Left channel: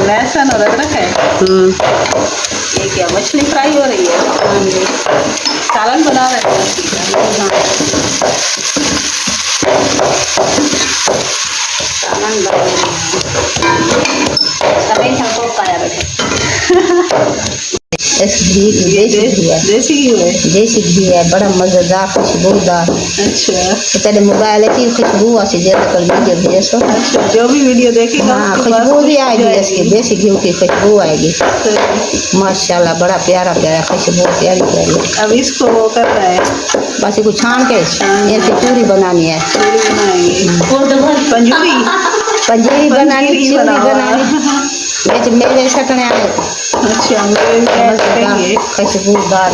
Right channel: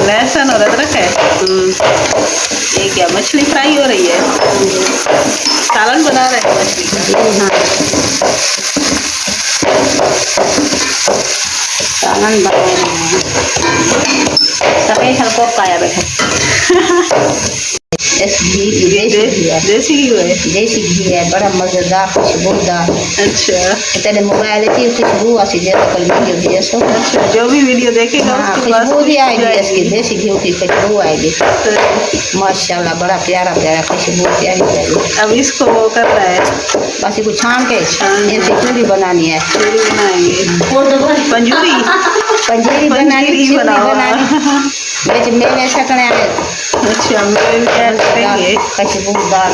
लहसुन और अदरक है। ये क्या मछली फ्राई हो रही है? सालन बना रहे हैं मछली का। सालन बना रहे हैं। सभी हमको खाया बैठे। देसी घी है। देसी घी है, बड़ा मजेदार खुशबूदार। अच्छा, तेरे मोबाइल की खुशबू आसी जैसे कल वीडियो भेजे सो। अच्छा, जो भी वीडियो देखेगा उसके पास खुशबू भी आएगी, इसकी देसी घी की खुशबू आएगी। माशाल्लाह, बड़ा प्यारा प्यारा खुशबू, प्यारी प्यारी। अब इसको वो करना है, बस इसको छान के ऐसी पूरी बनानी है। पूरी बनाएंगे, पंजूरी बनानी। मेरे सकने आए। अच्छा, मेरे करेंगे खुशबूदार।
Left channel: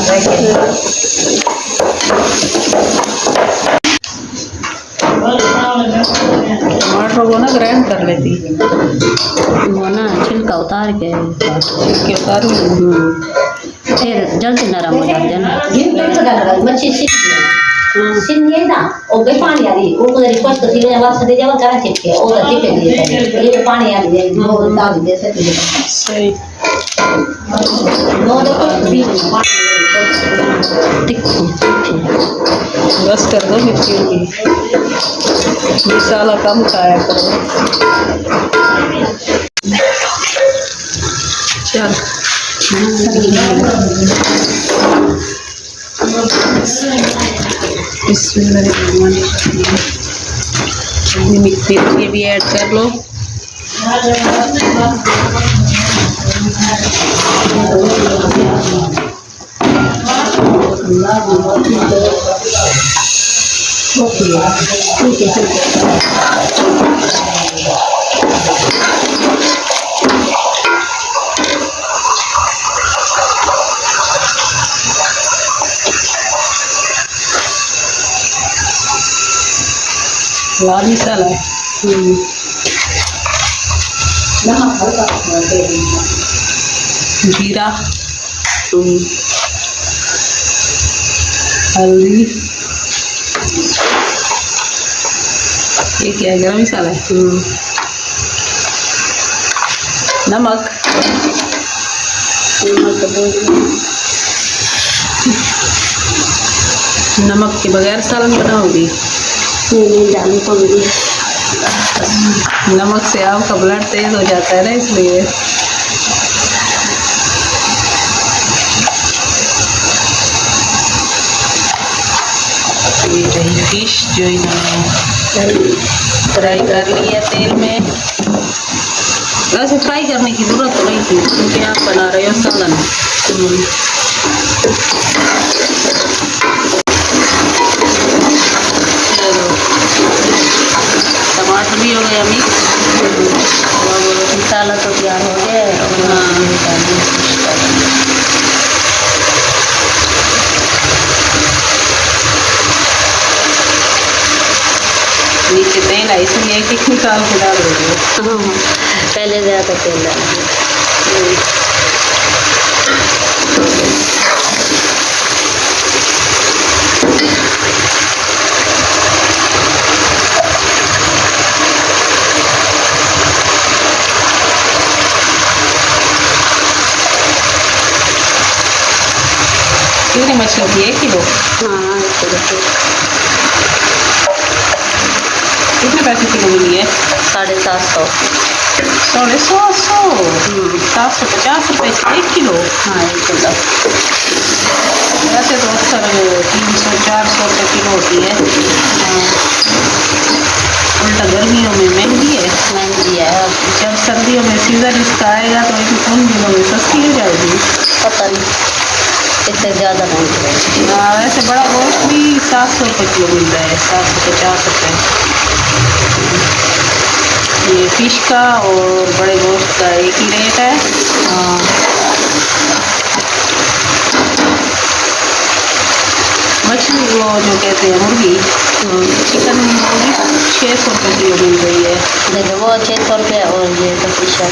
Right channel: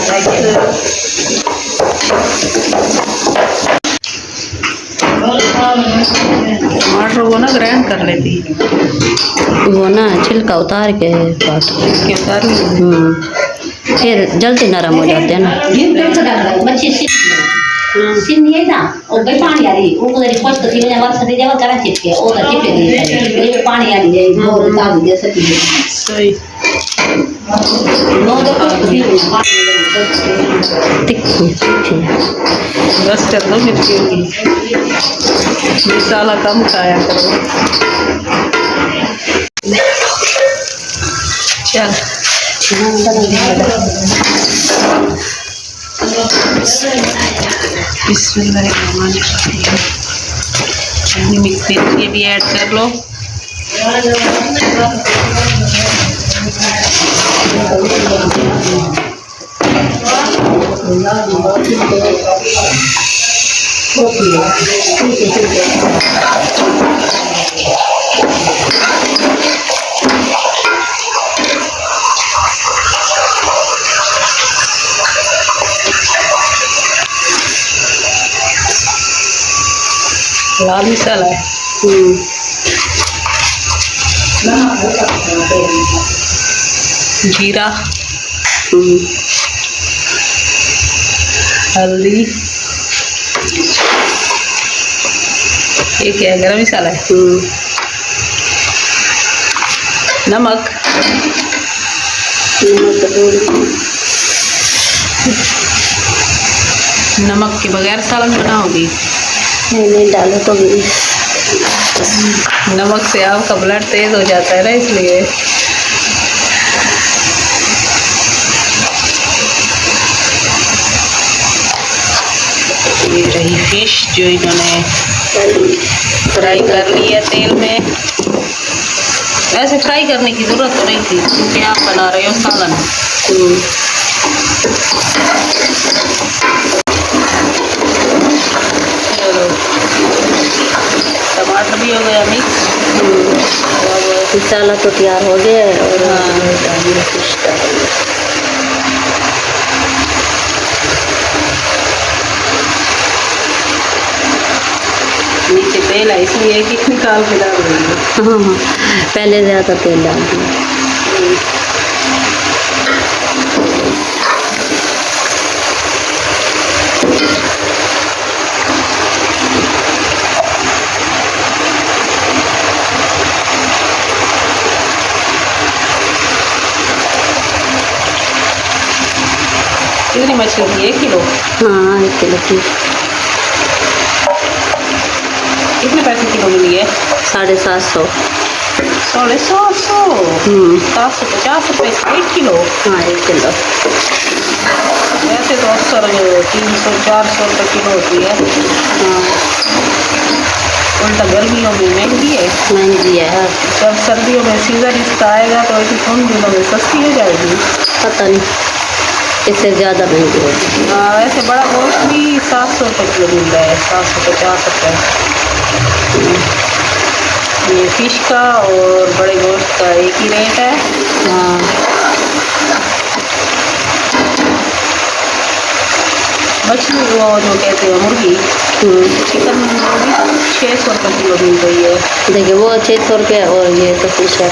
टमाटर को ना ग्राइंड कर लेती, वो ना छिलका उतार के उतार फिर जल्दी नरम हो जाते हैं ना। मच्छी सिंधी है ना, और गई पानी आ रही वो उधर स्पष्ट थी मैंने वर्ष दे जावा करा चिपके और चिपके ये पानी आ रही है वो ताल दे सकती है। सही बस कर दो मिर्ची होगी, मसाला कम खाया करो। चल बिस्मिल्लाहिर्रहमानिर्रहीम। मिर्ची भी ऐड कर लो। लाल मसाला है, जीरा, हल्दी, ये क्या है? गरम मसाला है, नमक, नमक के बगैर सालन बनाओगी? नहीं डालो तो भी नमक से आपका ब्लड तेज हो जाता है ना, इसलिए। ये रही फिश जो इन्होंने फ्राई कर ली है तेल में। वैसे फ्राई करने की जरूरत तो नहीं थी क्योंकि आप बना रहे हो सालन। चलो, टमाटर भी हो गया मिक्स, अब मसाला तो तैयार हो गया। हाँ, नीचे तेल है इसलिए एक निकाल के डाल रही है। पहले ज़्यादा तेल डाल। कितनी मछली थी? 1 किलो? हाँ 1 किलो। कितने पैसे किलो मिली है? 750। 750? 750 रुपये 1 किलो? हाँ 1 किलो। वैसे तो अक्सर 300-400 रुपये किलो होती है। उल्टा गर्मियों में महंगी है। महंगी है। जब सर्दियों में सीज़न इसका आएगा तो ऐसे उन दिनों में सस्ती हो जाएगी। पता नहीं, इससे ज़्यादा महंगी है। हाँ, वैसे बड़ा गोश्त भी 700 रुपये किलो मिल रहा है, 750 रुपये। ये फिश का और बड़े गोश्त का एक ही रेट है। मछली वो जो कहते हैं मुर्गी, चिकन मुर्गी 600 रुपये किलो मिल रही है। देखिए वो 600 रुपये और ये तो फिश है।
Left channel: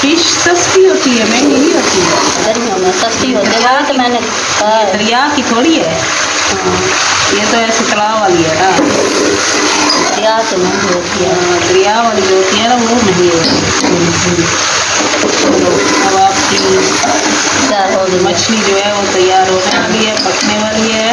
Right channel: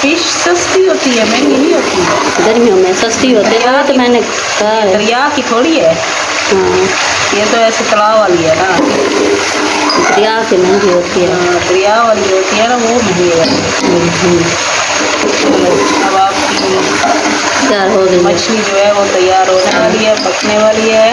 फिश सस्ती होती है, महंगी नहीं होती है। गर्मियों में सस्ती होती है। तो मैंने दरिया की थोड़ी है। हाँ ये तो ऐसे तालाब वाली है ना, दरिया के महंगी होती है। हाँ, दरिया वाली होती है ना, वो महंगी वाली। चलो अब आपकी तैयार हो गई। मछली जो है वो तैयार होने वाली है, पकने वाली है।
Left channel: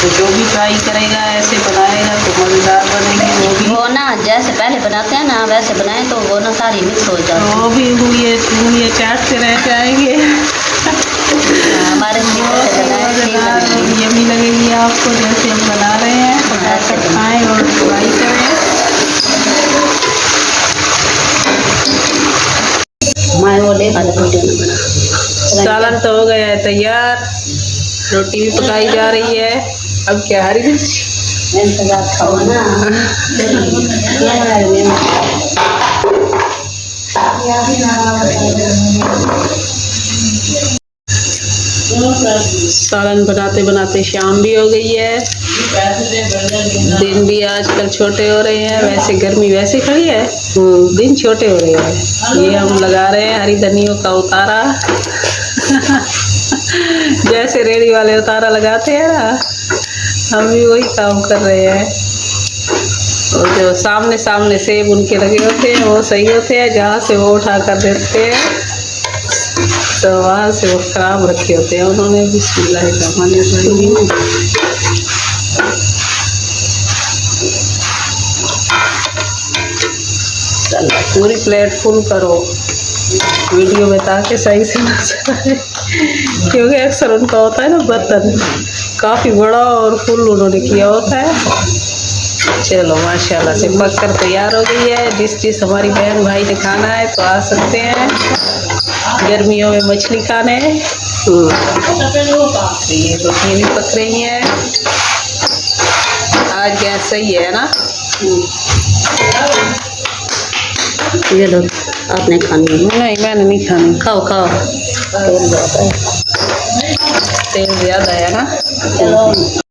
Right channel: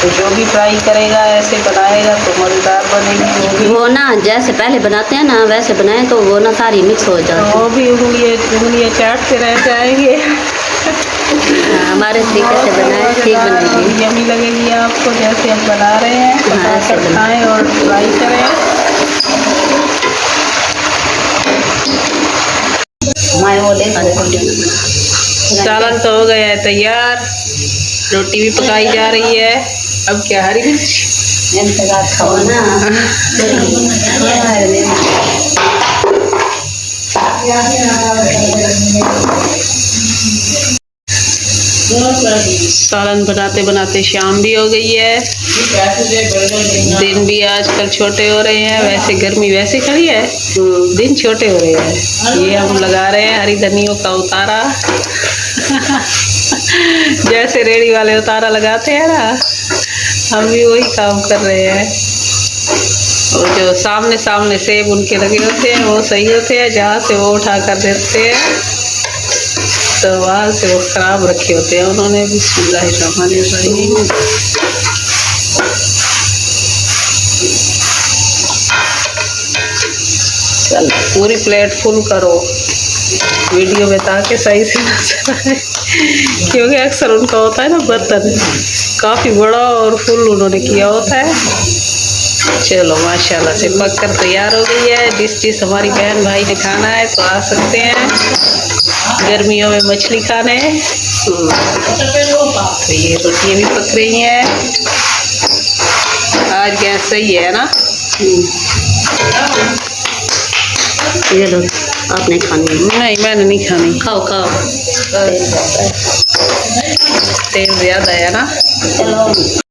तो जो भी ट्राई करेगा ऐसे बनाएगा तो मज़ेदार बनेगी वो भी। वो ना जैसे पहले बनाते हैं ना वैसे बनाए तो वो ना सारी मिक्स हो जाती वो भी उंगलियाँ चाटते रह जाएंगे। है। हमारे तरीके से बनाए ठीक बनेगी। यमी लगेगी आपको जैसे हम बना रहे हैं। पकाकर खाएं और ट्राई करें। मैं वो ले सालन तो हो गया है तैयार, रोटी भी पकाई जा रही है। अब क्या, हरी मिर्च इंतजार खाओ ना। सालन बनाते बनाते शाम भी हो गई है। दिन भी आजकल छोटे हो रहे हैं, वैसे गर्मी वैसे खड़ी है, दिन छोटे हो रहे हैं। ये हम लगा रहे हैं हरी धनियों का उतारा। जैसे रेडी वाले उतारा लगाते हैं ना, हम भी वही काम कर रहे हैं। और जो सामने सामने सेब उनके लगे होते हैं वो सही होते हैं, जहाँ से वो उठा कर देते हैं तो वहाँ से वो खराब रखे होते हैं उन्होंने। बिस्मिल्लाहिर्रहमानिर्रहीम। पूरी प्लेट फुल करो वीडियो में ताकि सही से नजर आए, क्योंकि अक्सर उनका होता है ना बर्तन काफ़ी बड़ा और फुल उन्होंने किया होता है। चलो माशाल्लाह से पक कर तैयार हो गई है। जिस हमारी बहन भाई ने खाना है तो आ सकते हैं गर्मियों में मछली खाने। तो ये रोटियाँ भी पक रही हैं। आज गैस सही है ना। ये लो, आपने खानी है? नहीं मैंने नहीं खानी। खाओ खाओ। तेल ज़्यादा है ना। चलो।